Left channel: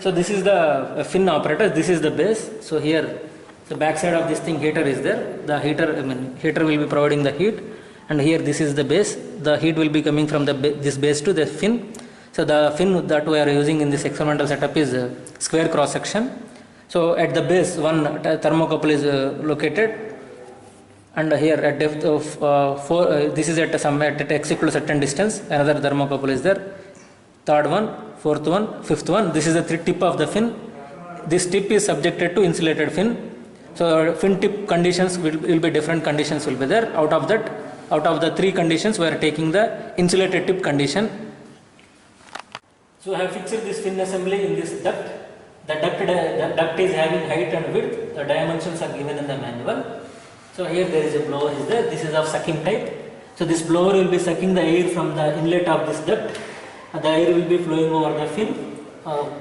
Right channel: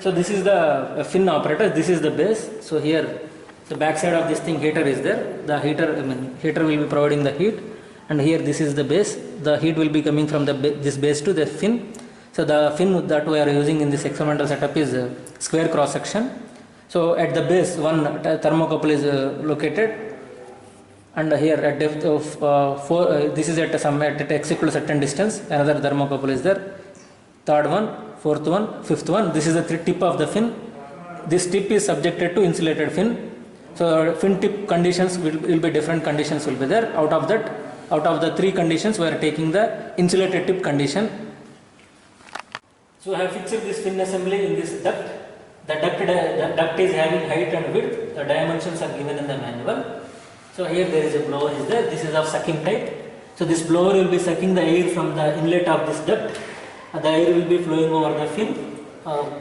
So this is the fin apparatus, this is the base. So here the back side of this thing heater is there. The heater will be providing the heat, and here this is the base. The heat will be coming from this base to the fin. So the fin that we are using in this experimental setup is square cross section. So at the base one thermocouple is located, and here at depth of 4 this is at x equal to certain distance, another thermocouple is there, third one, fourth one, fifth one. This is the tip of the fin. This tip is subjected to insulated fin. So fin tip conditions will be different conditions will be there. Out of the 3 conditions we are taking the insulated tip condition. So I have fixed this fin assembly in this duct. The duct is having height and width. The dimensions are given in the manual. So here there is a blower is there. This is of sucking type. So this blower will be sucking the air from the inlet of this duct. The air will be flowing over the fin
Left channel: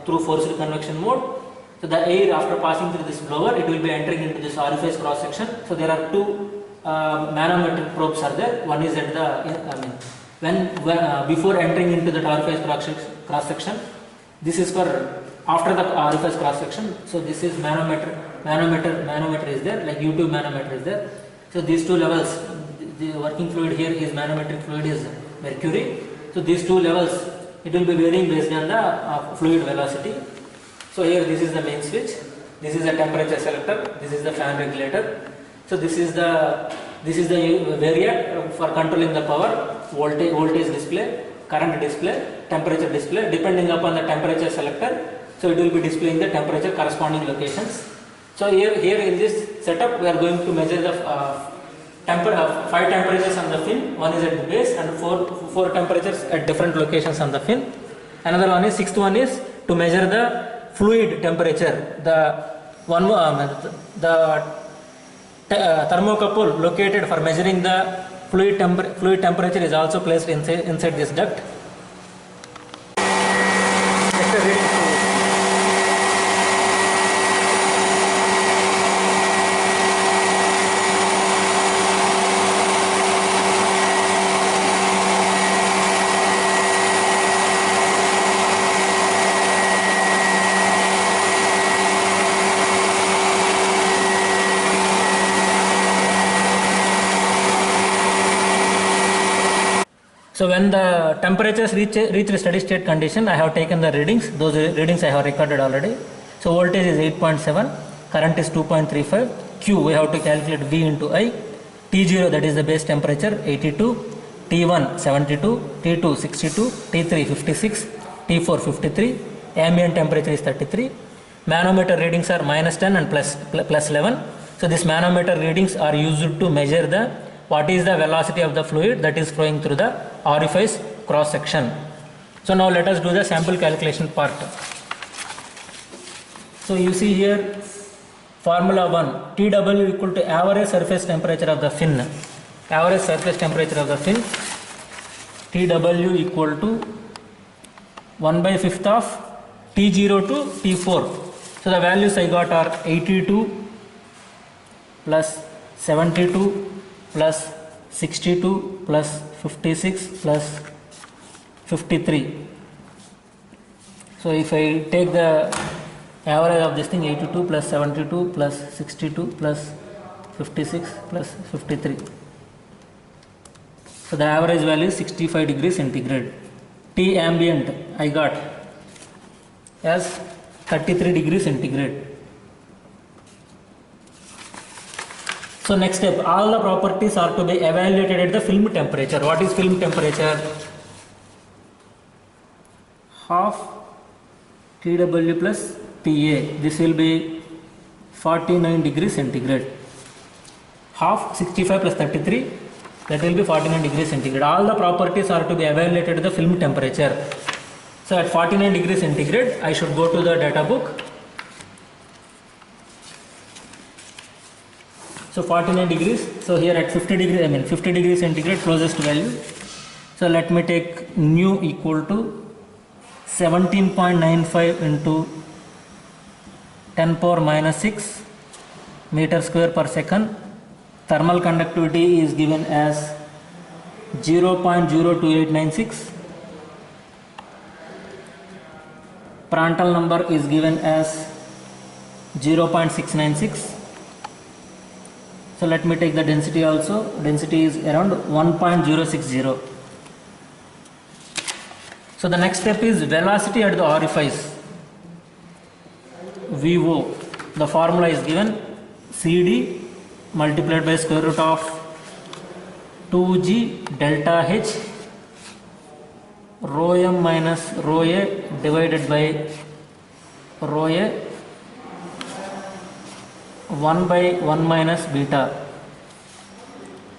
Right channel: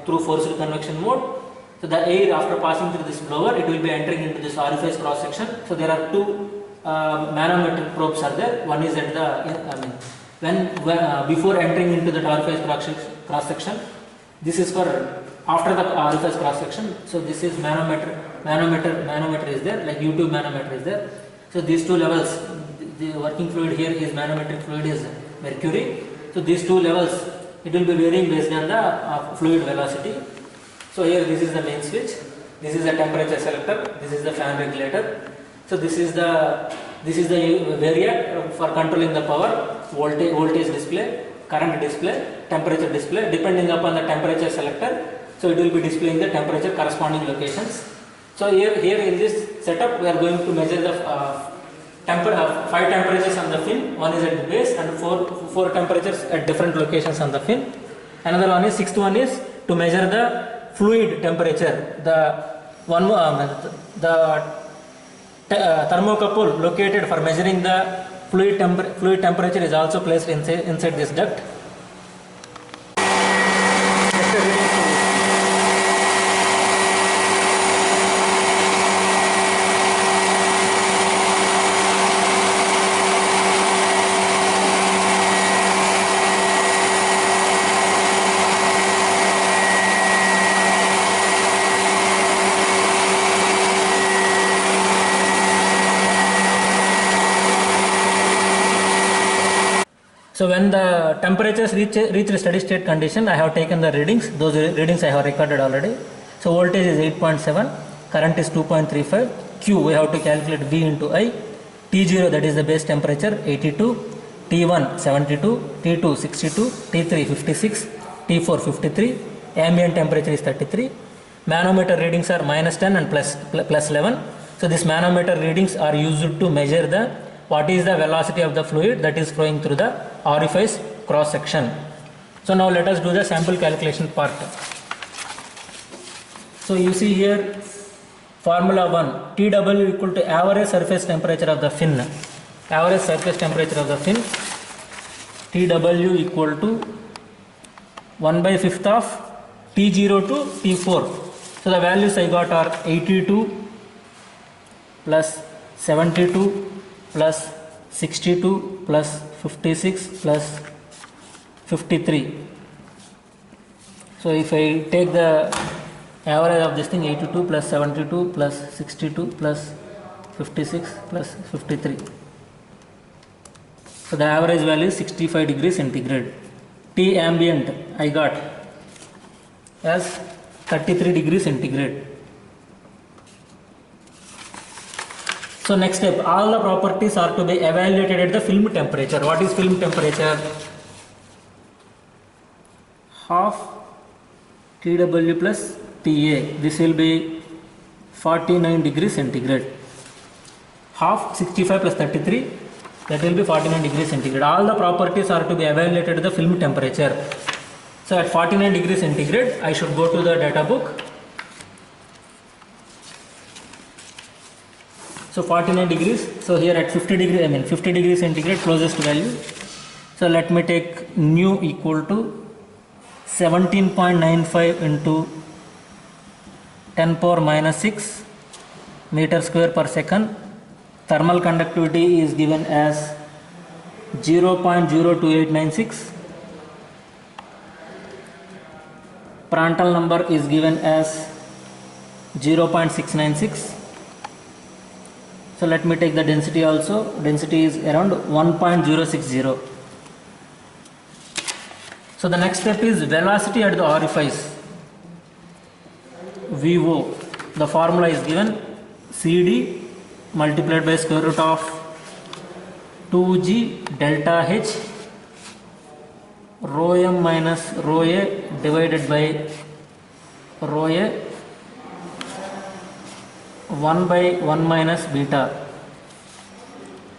through forced convection mode. So the air after passing through this blower, it will be entering into this orifice cross section. So there are 2 manometric probes are there. One is at the before entering into the orifice cross section. This is for after the orifice cross section. So this is manometer is there, like U2 manometer is there. So these 2 levels, the working fluid here is manometric fluid is mercury. So these 2 levels, it will be varying based on the fluid velocity. So here this is the main switch, this is the temperature selector, this is the fan regulator. So this is the variac for controlling the power, voltage display, current display, temperature display. Depending upon the temperature selector, so it will be displaying the temperature corresponding locations. So here in this setup we are going to measure the 5 temperatures on the fin. One is at the base and 4 temperatures at different locations on the fin. Another one is 6th one is to measure the fluid temperature. The thermocouple located for measuring the fluid temperature is also placed inside this duct. So when the temperatures reach a steady state condition, I have taken the readings. Those readings I have recorded already. So voltage is 8.7, current is 2.35, Q we have to calculate V into I, T0 that is the base temperature 82, T1 72, T2 62, T3 56, T4 53, ambient temperature is 33. Manometer readings are -10 and plus 11. So this manometer readings are used to measure what is the velocity of the fluid that is flowing through the orifice cross section. So now let us do the sample calculation part. So you see here formula 1, TW equal to average surface temperature of the fin. Average surface temperature of the fin, TW equal to 1/5 of T0 to T4. So the values I got are 82 plus 72 plus 62 plus 56 plus 53. So if I take the average of this thing, 82 plus 72 plus 62 plus 56 plus 53. So the average value is 65 degrees centigrade. T ambient I got as 33 degrees centigrade. So next step, all the properties are to be evaluated at the film temperature. What is film temperature? Half TW plus TA. This will be 49 degrees centigrade. Half 65 plus 33, that will be 49 degrees centigrade. All the properties are to be evaluated at the film temperature. So at 49 degrees centigrade, I should go to the data book. So 49 degrees, so here at 50 degrees centigrade closest value. So let me take nu equal to 17.95 into 10 power minus 6 meter square per second. Thermal conductivity is given as 0.02896. Prandtl number is given as 0.696. So let me take the density also. Density is around 1.060. So the next step is velocity at the orifice. VO. The formula is given CD multiplied by square root of 2G delta H rho m minus rho a divided by rho a 1 by 1 minus beta.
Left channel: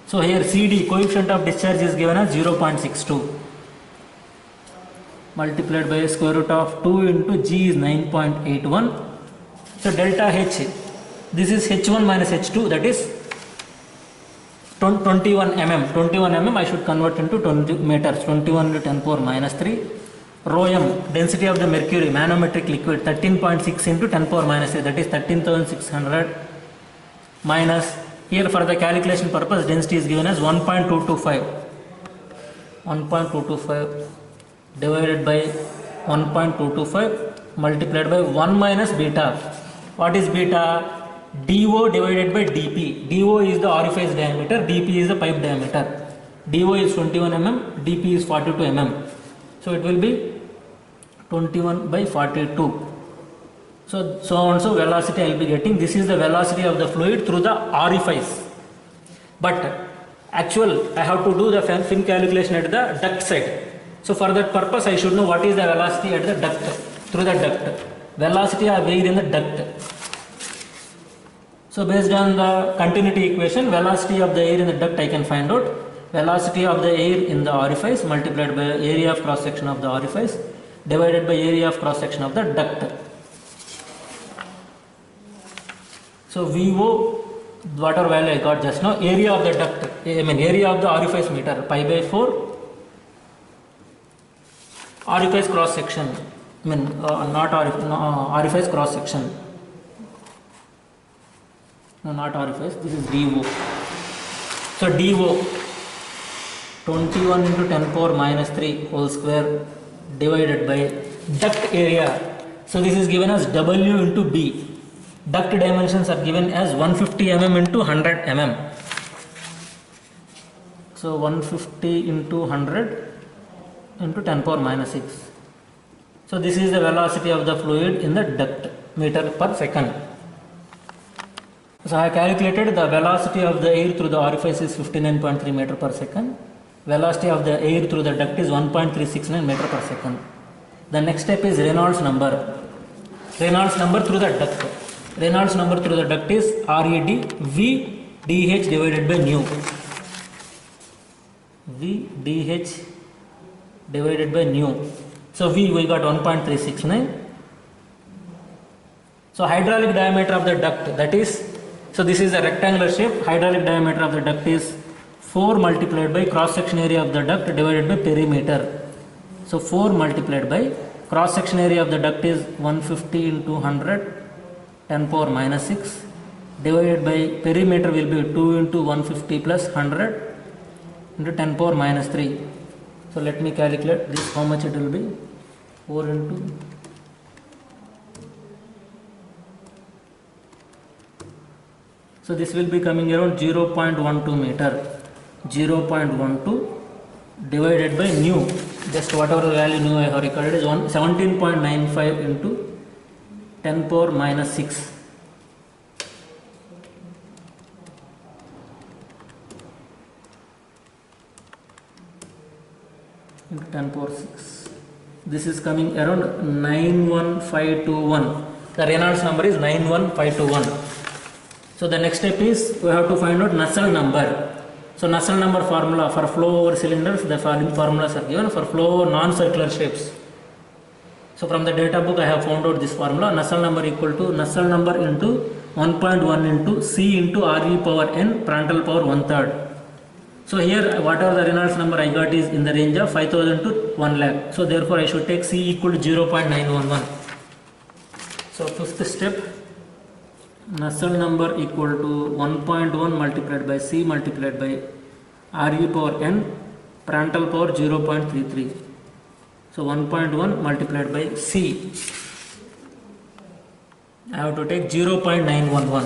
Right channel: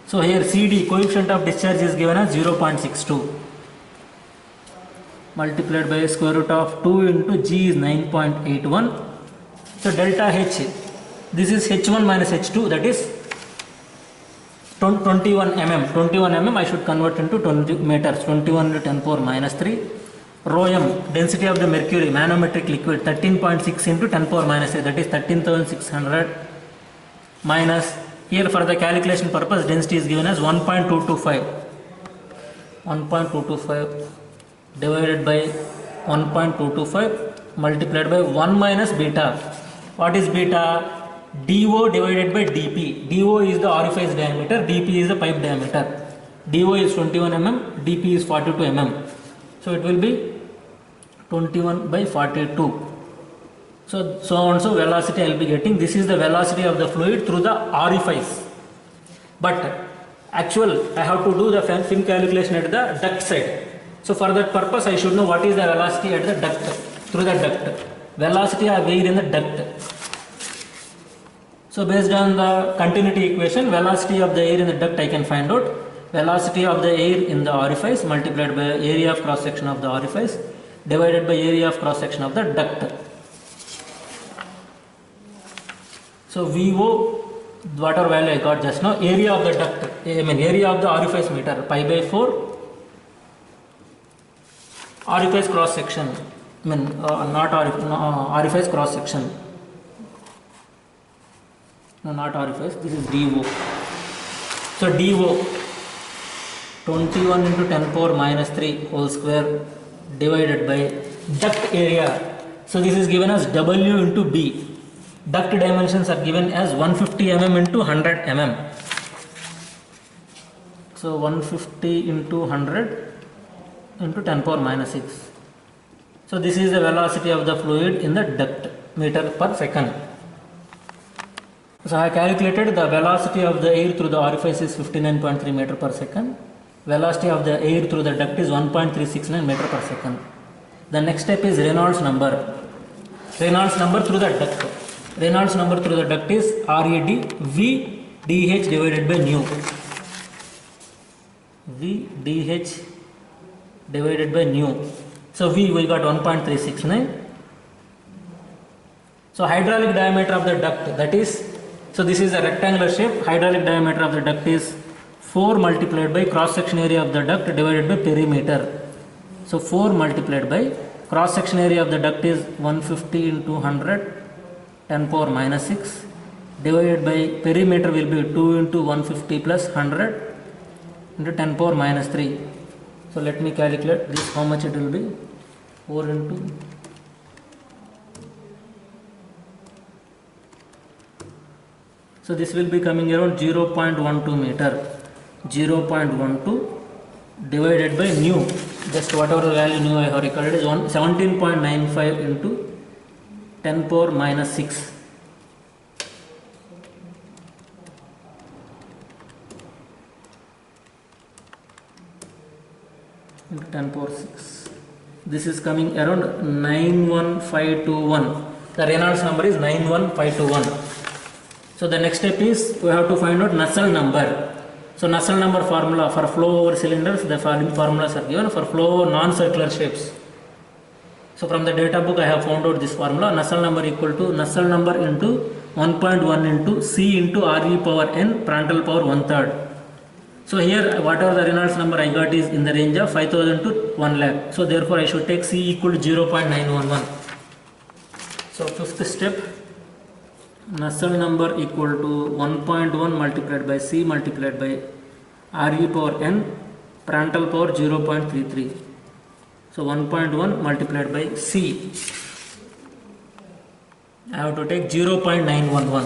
So here CD, coefficient of discharge, is given as 0.62 multiplied by square root of 2 into G is 9.81. So delta H, this is H1 minus H2, that is 21 mm. 21 mm I should convert into 20 meters, 21 into 10 power minus 3. Rho m, density of the mercury, manometric liquid, 13.6 into 10 power minus 3, that is 13,600 minus, here for the calculation purpose density is given as 1.225. 1.225 divided by 1.225 multiplied by 1 minus beta. What is beta? DO divided by DP. DO is the orifice diameter, DP is the pipe diameter. DO is 21 mm, DP is 42 mm. So it will be 21 by 42. So on so velocity I will be getting. This is the velocity of the fluid through the orifice. But actual I have to do the fin calculation at the duct side. So for that purpose I should know what is the velocity at the duct, through the duct. Velocity of air in the duct. So based on the continuity equation, velocity of the air in the duct I can find out. Velocity of the air in the orifice multiplied by area of cross section of the orifice divided by area of cross section of the duct. So VO, whatever value I got just now, area of the duct, area of the orifice meter, pi by 4. Orifice cross section, orifice cross section. No, not orifice, this is DO. So DO, 21 into 10 power minus 3 whole square divided by duct area. So this is given as W into B. Duct dimensions are given as 150 mm into 100 mm. So 150 into 100 into 10 power minus 6. So this is the velocity of the fluid in the duct, meter per second. So I calculated the velocity of the air through the orifice is 59.3 meter per second. Velocity of the air through the duct is 1.369 meter per second. The next step is Reynolds number. Reynolds number through the duct. Reynolds number through the duct is RED V DH divided by nu. V DH divided by nu. So V we got 1.369. So hydraulic diameter of the duct, that is, so this is a rectangular shape. Hydraulic diameter of the duct is 4 multiplied by cross section area of the duct divided by perimeter. So 4 multiplied by cross section area of the duct is 150 into 100 10 power minus 6 divided by perimeter will be 2 into 150 plus 100 into 10 power minus 3. So let me calculate this, how much it will be. 4 into so this will be coming around 0.12 meter. 0.12 divided by nu, just whatever the value nu I have recorded is 17.95 into 10 power minus 6. Into 10 power 6. This is coming around 91521. The Reynolds number is 91521. So the next step is we have to find out Nusselt number. So Nusselt number formula for flow over cylinders, the following formulas are given for flow over non-circular shapes. So from the data book I have found out this formula. Nusselt number equal to Nusselt number into 1.1 into C into RE power n Prandtl power 1/3. So here whatever the Reynolds number I got is in the range of 5000 to 1 lakh. So therefore I should take C equal to 0.911. So fifth step, Nusselt number equal to 1.1 multiplied by C multiplied by RE power n Prandtl power 0.33. So 1.1 multiplied by C. I have to take 0.911.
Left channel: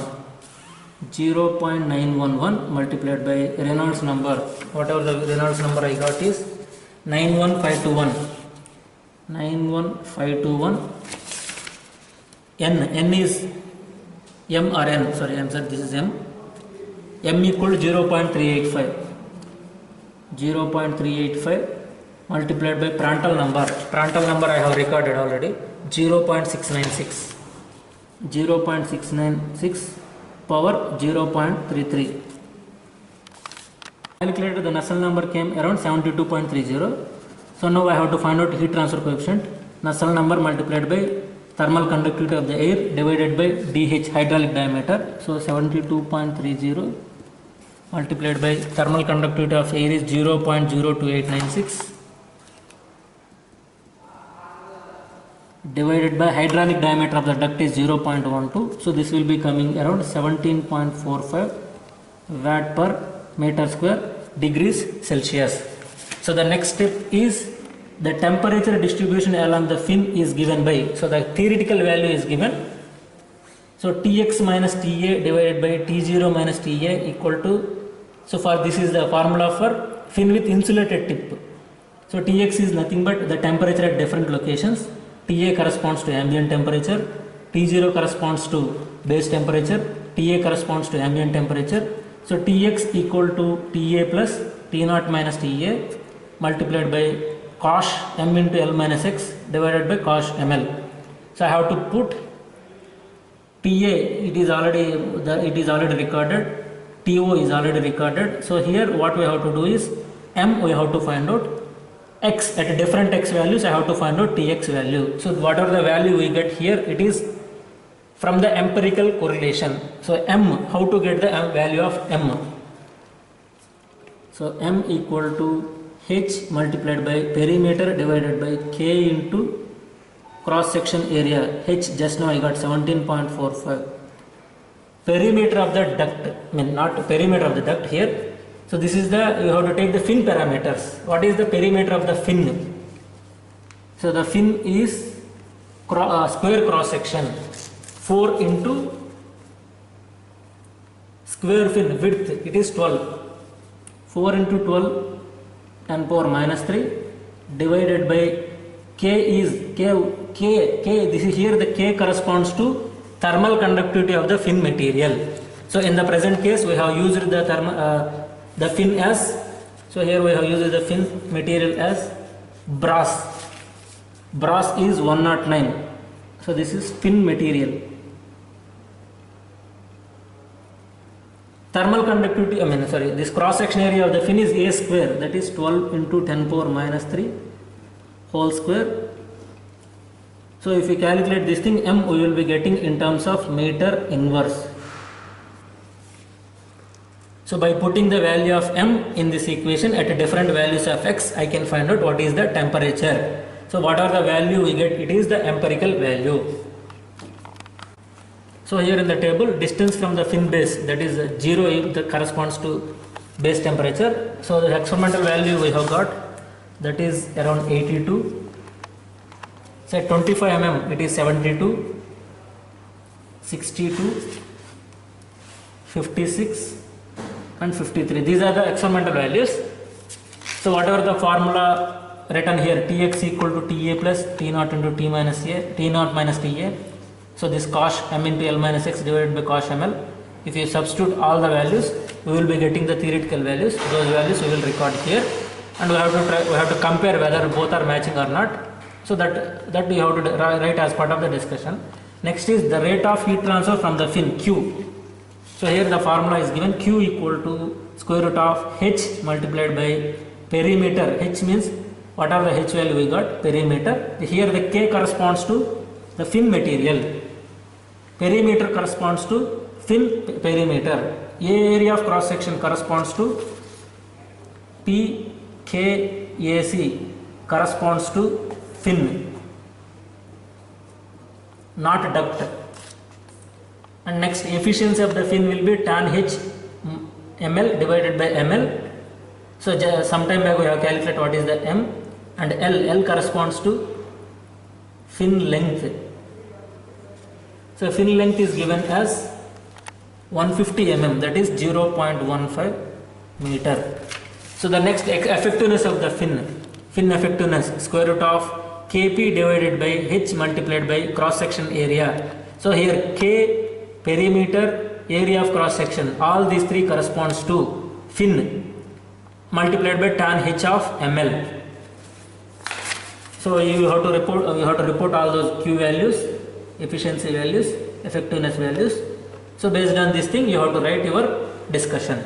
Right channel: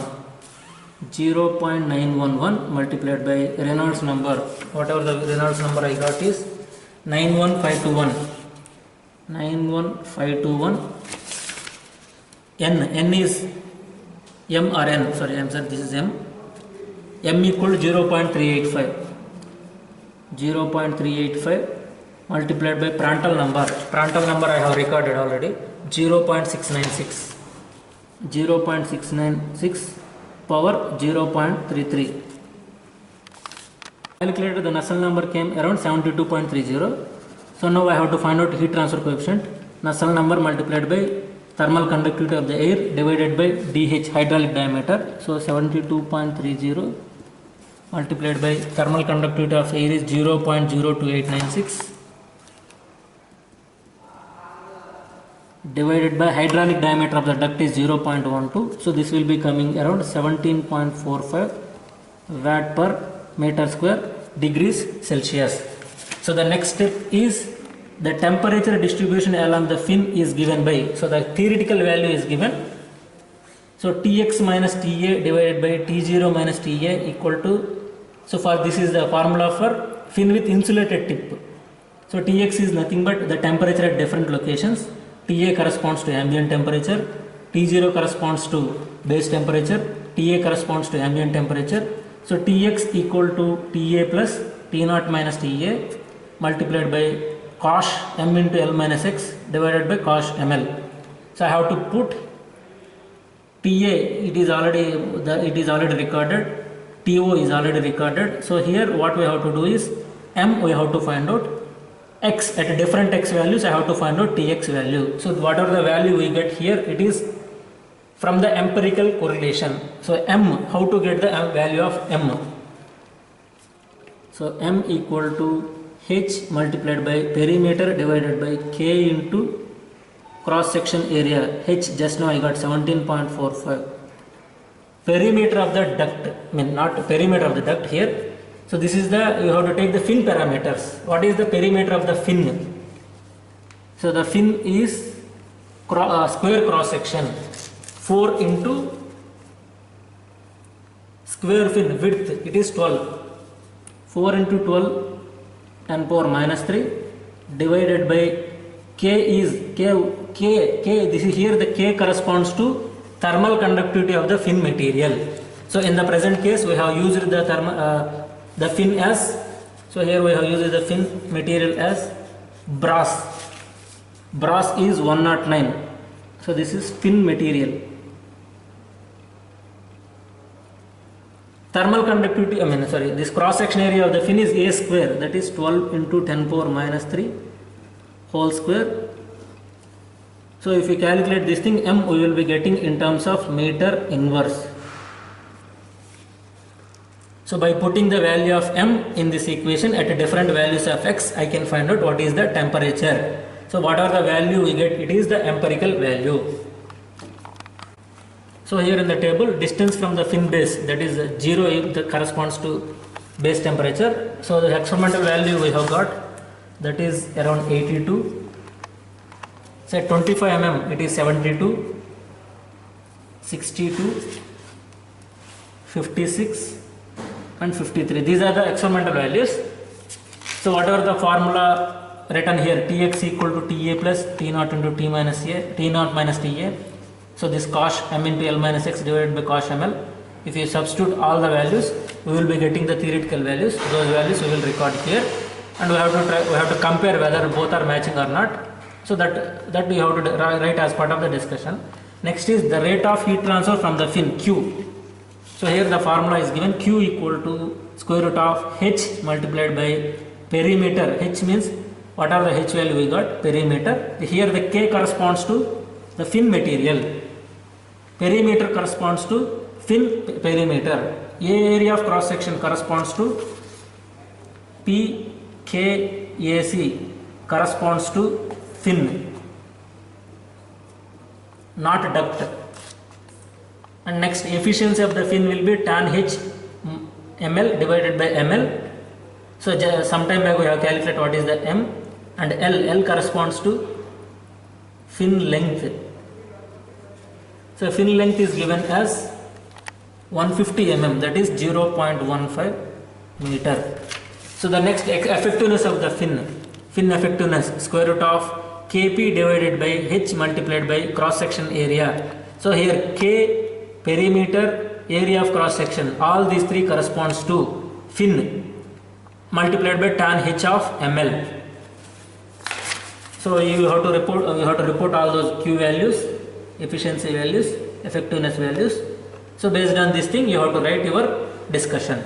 0.911 multiplied by Reynolds number. Whatever the Reynolds number I got is 91521. 91521. N is M or N. Sorry, I'm sorry. This is M. M equal to 0.385. 0.385 multiplied by Prandtl number. Prandtl number I have recorded already. 0.696. 0.696 power 0.33. Calculated the Nusselt number came around 72.30. So now I have to find out heat transfer coefficient. Nusselt number multiplied by thermal conductivity of the air divided by dH, hydraulic diameter. So 72.30 multiplied by thermal conductivity of air is 0.02896 divided by hydraulic diameter of the duct is 0.12. So this will be coming around 17.45 watt per meter square degrees Celsius. So the next step is the temperature distribution along the fin is given by, so the theoretical value is given. So Tx minus Ta divided by T0 minus Ta equal to, so for this is the formula for fin with insulated tip. So Tx is nothing but the temperature at different locations. Ta corresponds to ambient temperature, T0 corresponds to base temperature, Ta corresponds to ambient temperature. So Tx equal to Ta plus T0 minus Ta multiplied by cos m into L minus x divided by cos ml. So I have to put Ta, it is already recorded, To is already recorded. So here what we have to do is m we have to find out, x at different x values I have to find out Tx value. So whatever the value we get here, it is from the empirical correlation. So m, how to get the value of m? So m equal to h multiplied by perimeter divided by k into cross section area. H just now I got 17.45. Perimeter of the duct, I mean not perimeter of the duct here. So this is the, you have to take the fin parameters. What is the perimeter of the fin? So the fin is square cross section, 4 into square fin width, it is 12. 4 into 12 10 power minus 3 divided by k is k, this is here the k corresponds to thermal conductivity of the fin material. So in the present case we have used the fin as, so here we have used the fin material as brass. Brass is 109. So this is fin material. Thermal conductivity, this cross section area of the fin is a square, that is 12 into 10 power minus 3 whole square. So if we calculate this thing, m we will be getting in terms of meter inverse. So by putting the value of m in this equation at different values of x, I can find out what is the temperature. So whatever the value we get, it is the empirical value. So here in the table, distance from the fin base, that is 0, that corresponds to base temperature. So the experimental value we have got, that is around 82. Say 25 mm, it is 72, 62, 56 and 53. These are the experimental values. So whatever the formula written here, Tx equal to Ta plus T0 into T minus A, T0 minus Ta. So this cos m into L minus x divided by cos ml. If you substitute all the values, we will be getting the theoretical values. Those values we will record here, and we have to compare whether both are matching or not. So that we have to write as part of the discussion. Next is the rate of heat transfer from the fin, Q. So here the formula is given, Q equal to square root of h multiplied by perimeter. H means what are the h value we got? Perimeter. Here the k corresponds to the fin material. Perimeter corresponds to fin perimeter. Area of cross section corresponds to PKAC, corresponds to fin, not duct. And next, efficiency of the fin will be tan h ml divided by ml. So sometime back we have calculated what is the m. and L corresponds to fin length. So fin length is given as 150 mm, that is 0.15 meter. So the next effectiveness of the fin effectiveness, square root of Kp divided by H multiplied by cross section area. So here K, perimeter, area of cross section, all these three corresponds to fin multiplied by tan H of ml. So you have to report all those Q values, efficiency values, effectiveness values. So based on this thing you have to write your discussion.